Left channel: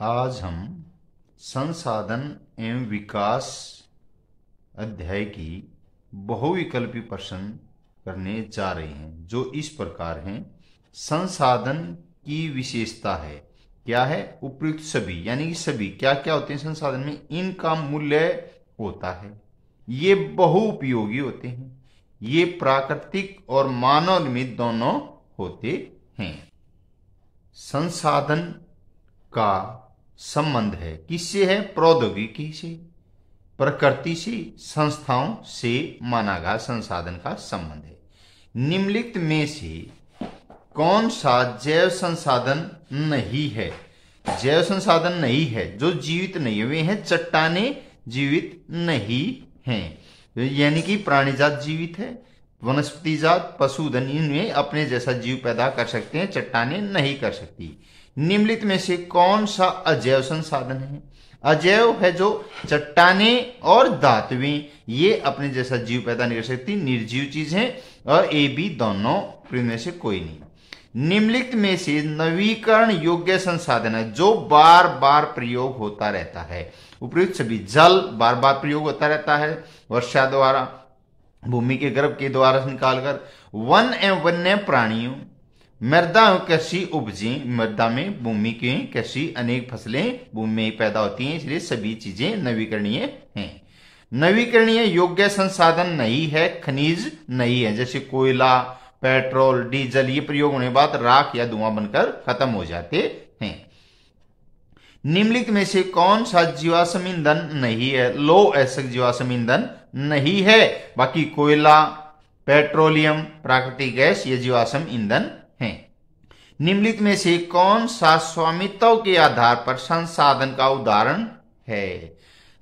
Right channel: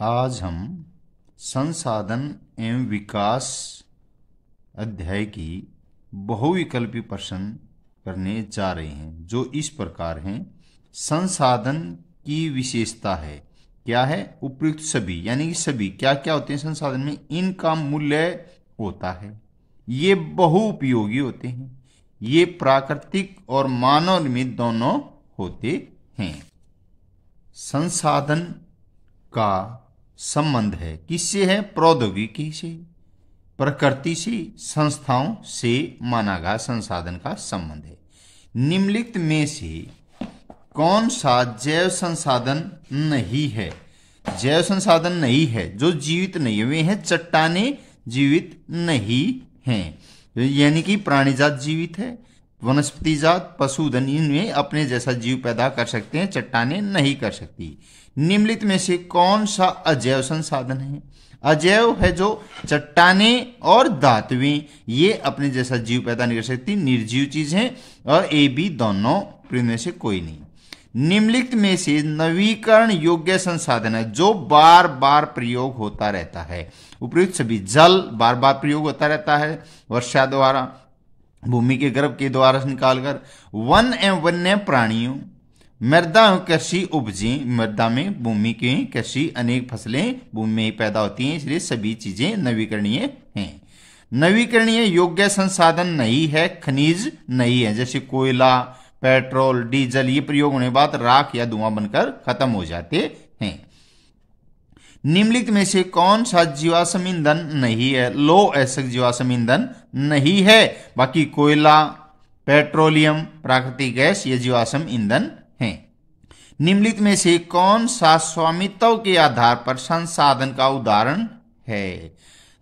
आज हम संसाधन एवं विकास अध्याय की बहुविकल्पी प्रश्न करने जा रहे हैं, जो इस प्रकार हैं। संसाधन की विशेषता है, क्या है? उपयुक्त सभी, यानी कि सभी क्या क्या होते हैं संसाधन में, इनका मूल्य होता है, ये बहुउपयोगी होते हैं, ये प्राकृतिक और मानव निर्मित दोनों होते हैं। संसाधन का संबंध है किससे? है प्रौद्योगिकी से, प्रकृति से, संस्थाओं से माना गया संसाधन का संबंध है। निम्नलिखित में से कौन सा जैव संसाधन नहीं है? जैव संसाधन नहीं है जो जीवित नहीं है, वे हैं चट्टाने जीवित नहीं हैं, यानी कि प्राणी जात जीवित है, वनस्पति जात, पशुधन इनमें अपने जैसा जीव पैदा कर सकते हैं, चट्टाने नहीं कर सकती। निम्नलिखित में से कौन सा अजैव संसाधन है? अजैव है जो चट्टाने और धातुएं ये अपने जैसा जीव पैदा नहीं कर सकती, निर्जीव चीज है, और ए बी दोनों में से कोई नहीं। निम्नलिखित में से नवीकरण योग्य संसाधन है जो बार बार प्रयोग होता रहता है। उपयुक्त सभी, जल बार बार प्रयोग होता रहता है, वर्षा द्वारा, भूमि के गर्भ के द्वारा निकालकर, वन एवं वन्य प्राणियों, मृदा एवं कृषि उपजें, मृदा में भूमि की कृषि अनेक फसलें भूमि में ही पैदा होती हैं, इसलिए सभी चीजें नवीकरणीय हैं। नवीकरणीय योग्य संसाधन नहीं है, खनिज नहीं है, जैसे कोयला, पेट्रोल, डीजल, ये प्रयोग होने के बाद राख या धुआं बनकर खत्म हो जाते हैं। निम्नलिखित में से कौन सा जीवाश्म ईंधन नहीं है? लौह अयस्क जीवाश्म ईंधन नहीं है, बाकी कोयला, पेट्रोलियम, प्राकृतिक गैस ये जीवाश्म ईंधन हैं। निम्नलिखित में से कौन सा स्वामित्व के आधार पर संसाधन का उदाहरण है?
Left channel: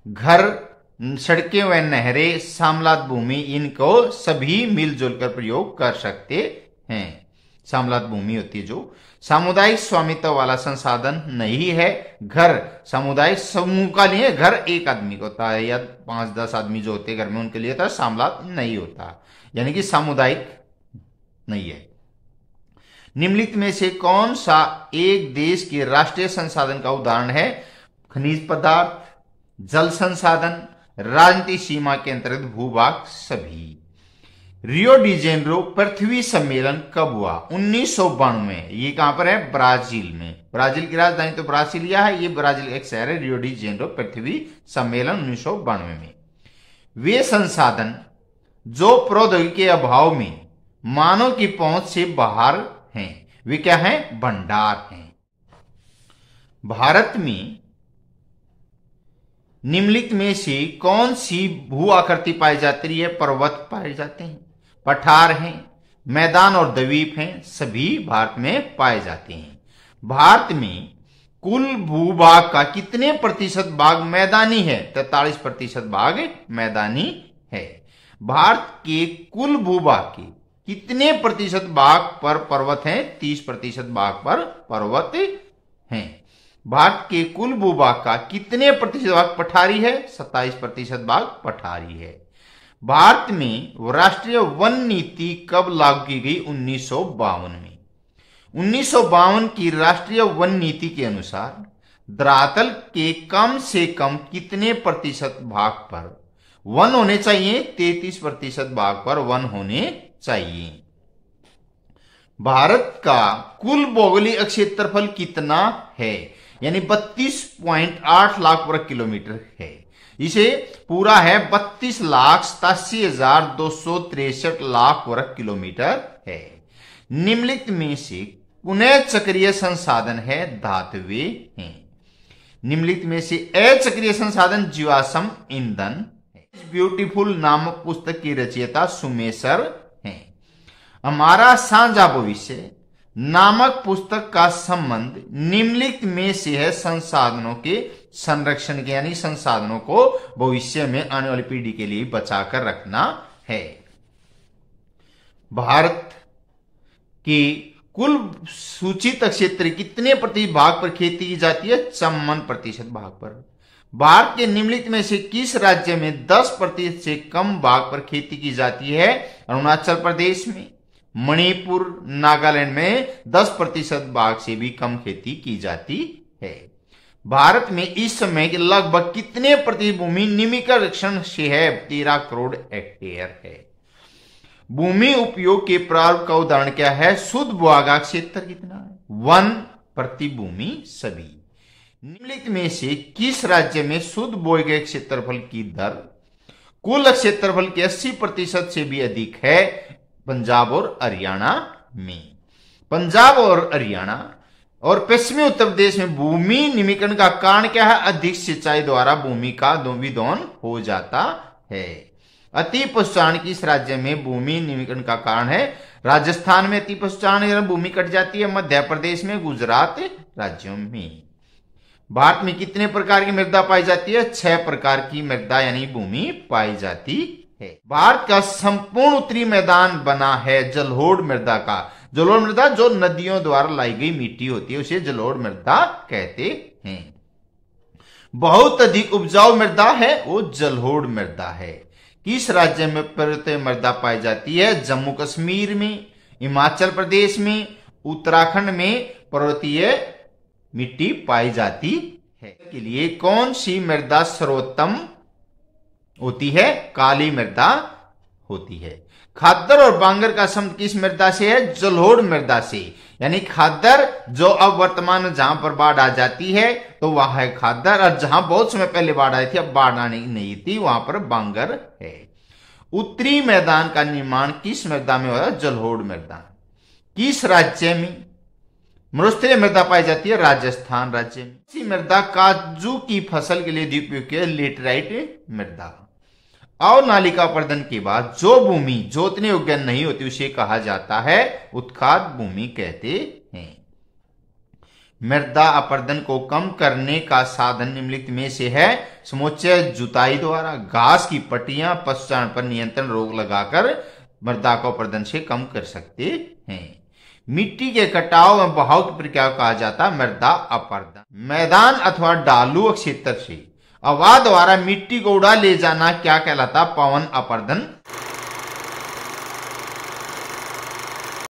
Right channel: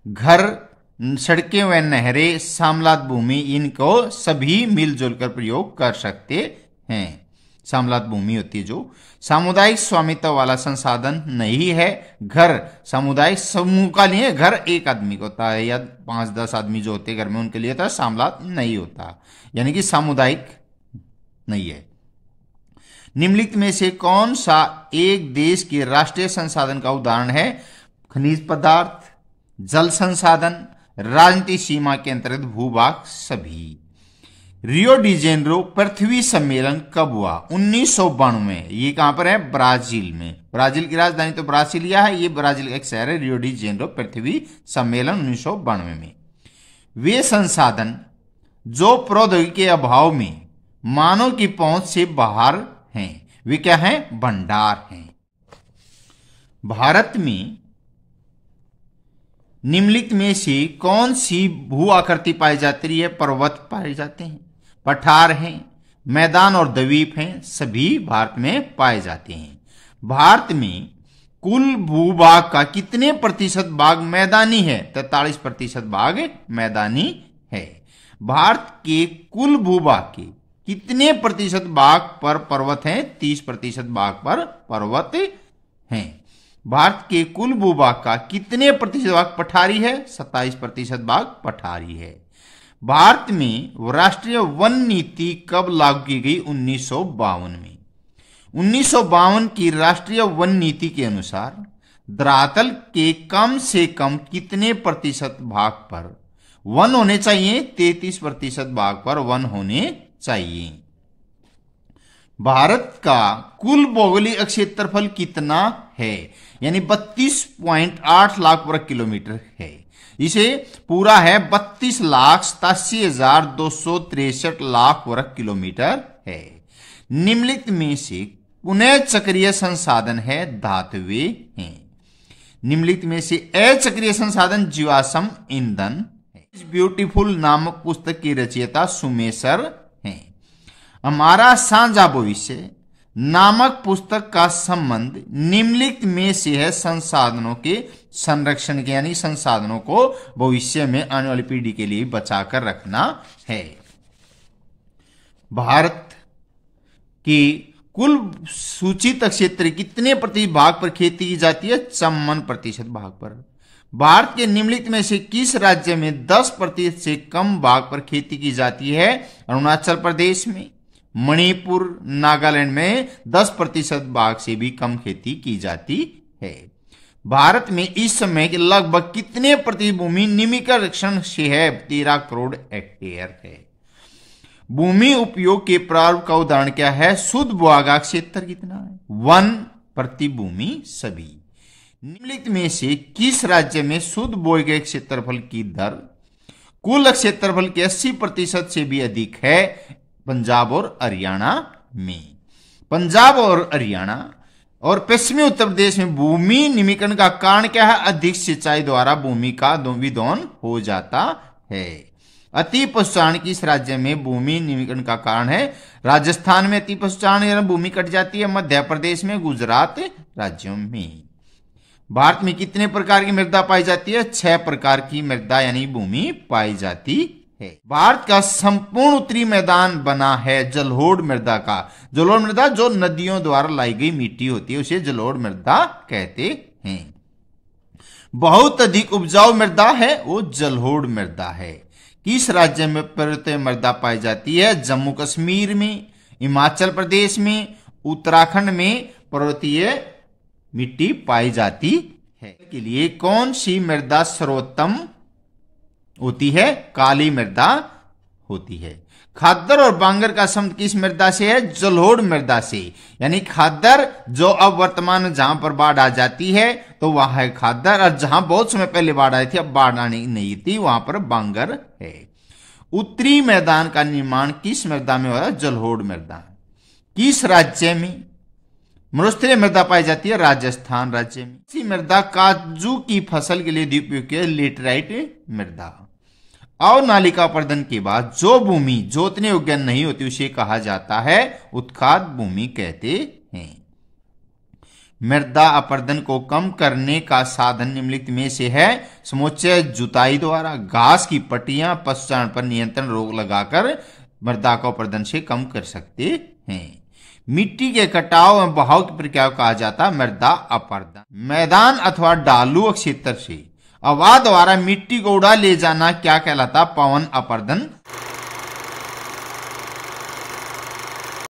घर, सड़कें व नहरें, सामलात भूमि, इनको सभी मिलजुल कर प्रयोग कर सकते हैं। सामलात भूमि होती है जो सामुदायिक स्वामित्व वाला संसाधन नहीं है। घर सामुदायिक समूह का लिए, घर एक आदमी का होता है या 5-10 आदमी जो होते हैं घर में उनके लिए होता है, सामलात नहीं होता, यानी कि सामुदायिक नहीं है। निम्नलिखित में से कौन सा एक देश के राष्ट्रीय संसाधन का उदाहरण है? खनिज पदार्थ, जल संसाधन, राजनीतिक सीमा के अंतर्गत भूभाग सभी। रियो डी जेनेरो पृथ्वी सम्मेलन कब हुआ? 1992 में। ये कहां पर है? ब्राजील में। ब्राजील की राजधानी तो ब्रासिलिया है, ये ब्राजील एक शहर है। रियो डी जेनेरो पृथ्वी सम्मेलन 1992 में। वे संसाधन जो प्रौद्योगिकी के अभाव में मानव की पहुंच से बाहर हैं, वे क्या हैं? भंडार हैं। भारत में निम्नलिखित में से कौन सी भू आकृति पाई जाती है? पर्वत पाए जाते हैं, पठार हैं, मैदान और द्वीप हैं, सभी भारत में पाए जाते हैं। भारत में कुल भूभाग का कितने प्रतिशत भाग मैदानी है? 43% भाग मैदानी है। भारत के कुल भूभाग के कितने प्रतिशत भाग पर पर्वत हैं? 30% भाग पर पर्वत हैं। भारत के कुल भूभाग का कितने प्रतिशत भाग पठारी है? 27% भाग पठारी है। भारत में राष्ट्रीय वन नीति कब लागू की गई? 1952 में। 1952 की राष्ट्रीय वन नीति के अनुसार धरातल के कम से कम कितने प्रतिशत भाग पर वन होने चाहिए? 33% भाग पर वन होने चाहिए। भारत का कुल भौगोलिक क्षेत्रफल कितना है? यानी 32.8 लाख वर्ग किलोमीटर है। इसे पूरा है 32,87,263 लाख वर्ग किलोमीटर है। निम्नलिखित में से पुनः चक्रीय संसाधन है? धातुएं हैं। निम्नलिखित में से अचक्रीय संसाधन जीवाश्म ईंधन है। ब्यूटीफुल नामक पुस्तक की रचयिता सुमेशर हैं। हमारा साझा भविष्य नामक पुस्तक का संबंध निम्नलिखित में से है संसाधनों के संरक्षण के, यानी संसाधनों को भविष्य में आने वाली पीढ़ी के लिए बचाकर रखना है। भारत की कुल सूचित क्षेत्र कितने प्रतिशत भाग पर खेती की जाती है? 54% भाग पर। भारत के निम्नलिखित में से किस राज्य में 10% से कम भाग पर खेती की जाती है? अरुणाचल प्रदेश में, मणिपुर, नागालैंड में 10% भाग से भी कम खेती की जाती है। भारत में इस समय के लगभग कितने प्रति भूमि निम्नीकरण से है? 13 करोड़ हेक्टेयर है। भूमि उपयोग के प्रारूप का उदाहरण क्या है? शुद्ध भूभाग क्षेत्र कितना है? 1 प्रति भूमि सभी। निम्नलिखित में से किस राज्य में शुद्ध भूभाग क्षेत्रफल की दर कुल क्षेत्रफल के 80% से भी अधिक है? पंजाब और हरियाणा में। पंजाब और हरियाणा और पश्चिमी उत्तर प्रदेश में भूमि निम्नीकरण का कारण क्या है? अधिक सिंचाई द्वारा भूमि का विदोहन हो जाता है। अति पशुचारण किस राज्य में भूमि निम्नीकरण का कारण है? राजस्थान में अति पशुचारण भूमि कट जाती है, मध्य प्रदेश में, गुजरात राज्यों में। भारत में कितने प्रकार की मृदा पाई जाती है? 6 प्रकार की मृदा यानी भूमि पाई जाती है। भारत का संपूर्ण उत्तरी मैदान बना है जलोढ़ मृदा का। जलोढ़ मृदा जो नदियों द्वारा लाई गई मिट्टी होती है उसे जलोढ़ मृदा कहते हैं। बहुत अधिक उपजाऊ मृदा है वो जलोढ़ मृदा है। किस राज्य में पर्वतीय मृदा पाई जाती है? जम्मू कश्मीर में, हिमाचल प्रदेश में, उत्तराखंड में पर्वतीय मिट्टी पाई जाती है। के लिए कौन सी मृदा सर्वोत्तम होती है? काली मृदा होती है। खादर और बांगर का संबंध किस मृदा से है? जलोढ़ मृदा से। यानी खादर जो अब वर्तमान जहां पर बाढ़ आ जाती है तो वहां है खादर, और जहां बहुत समय पहले बाढ़ आई थी अब बाढ़ आनी नहीं थी वहां पर बांगर है। उत्तरी मैदान का निर्माण किस मृदा में हुआ? जलोढ़ मृदा। किस राज्य में मरुस्थलीय मृदा पाई जाती है? राजस्थान राज्य में। इसी मृदा काजू की फसल के लिए उपयुक्त है? लेटराइट मृदा। अवनालिका अपर्दन के बाद जो भूमि जोतने योग्य नहीं होती उसे कहा जाता है उत्खाद भूमि कहते हैं। मृदा अपर्दन को कम करने का साधन निम्नलिखित में से है? समुच्चय जुताई द्वारा, घास की पट्टियां, पशुचारण पर नियंत्रण रोक लगाकर मृदा का अपर्दन से कम कर सकते हैं। मिट्टी के कटाव एवं बहाव की प्रक्रिया को कहा जाता है मृदा अपर्दन। मैदान अथवा ढालू क्षेत्र से हवा द्वारा मिट्टी को उड़ा ले जाना क्या कहलाता? पवन अपर्दन।